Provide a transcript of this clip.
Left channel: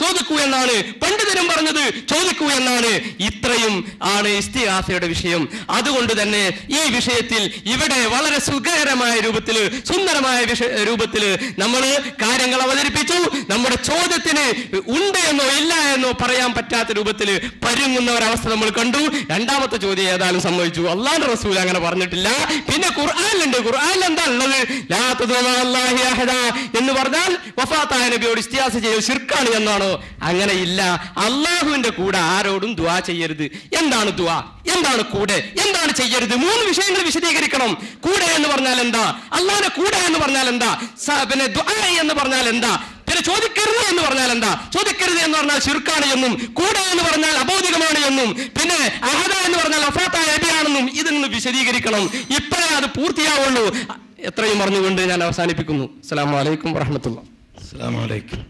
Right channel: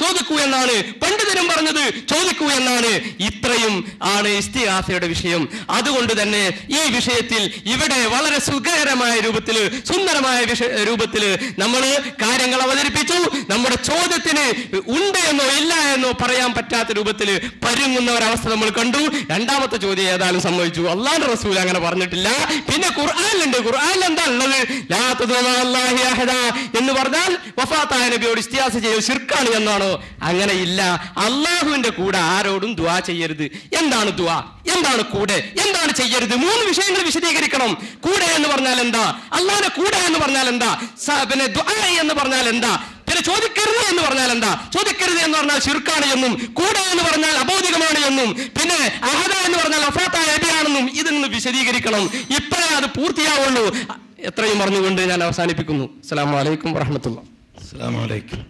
ചോദിക്കൂ എന്നാണ്, പണ്ഡിതരും പറഞ്ഞത് ചോദിക്കൂ എന്നാണ്. ഇത്രയും ആണ് ഇസ്തിഗാസയുടെ വിഷയം. അതുകൊണ്ട് തന്നെ ഈ വിഷയത്തിൽ ഇവിടെ വളരെ സുഖകരമായ രൂപത്തിൽ, സുന്ദരമായ രൂപത്തിൽ നമ്മൾ കാര്യങ്ങൾ അവതരിപ്പിച്ചു. നമ്മുടെ ചോദ്യത്തിന് ഉണ്ട് എന്നോ ഇല്ല എന്നോ പറയാൻ പറ്റാത്ത രൂപത്തിൽ പരുങ്ങുന്ന ഒരവസ്ഥ നമ്മൾ കണ്ടു. രണ്ടാമത്തെ ചോദ്യം ഏതായാലും സംഭവിച്ചു. അല്ലാഹുവിന്റെ റസൂൽ അങ്ങനെ പറഞ്ഞിട്ടില്ല. പിന്നെ ഖുർആനിലുണ്ട്. ഖുർആനിൽ എന്താ ഉള്ളത്? ലാ തദഉ അല്ലാഹി അഹദ എന്ന് പറഞ്ഞാൽ വഫാത്തായ നബിയോട് ഇസ്തിഗാസ ചെയ്യൽ ശിർക്കാണ് എന്നാണോ? അങ്ങനെ ഇല്ല. അള്ളാഹുവിന്റെ കൂടെ ആരോടും ദുആ ചെയ്യരുത്. എന്താണ് ദുആ? എന്താണ് കൂടെ? എന്താണ് ചെയ്യരുത്? 3 വിഷയങ്ങൾ വിശദീകരിക്കണം. കൂടെ എന്ന് പറഞ്ഞാൽ എന്താ? അള്ളാഹുവിന്റെ കൂടെ എന്ന് പറഞ്ഞാൽ എന്താ? പിന്നെ ദുആ എന്ന് പറഞ്ഞാൽ എന്താ? പിന്നെ ചോദിക്കരുത് എന്ന് പറഞ്ഞാൽ എന്താ? ചോദിക്കരുത് എന്ന് പറഞ്ഞാൽ ശിർക്കാണ് എന്നും, കൂടെ എന്ന് പറഞ്ഞാൽ അബൗദികമാണ് എന്നും, പിന്നെ അഹദ എന്ന് പറഞ്ഞാൽ വഫാത്തായ നബിയാണെന്നും ഇതൊന്ന് വിശദീകരിക്കണം. ഇപ്പോഴേ അത് പൂർത്തിയാവുള്ളൂ. എത്രയും പറഞ്ഞുകൊണ്ട് ഞാൻ അവസാനിപ്പിക്കുന്നു. അസ്സലാമു അലൈക്കും വറഹ്മത്തുള്ളാഹി. അസ്സലാമു അലൈക്കും.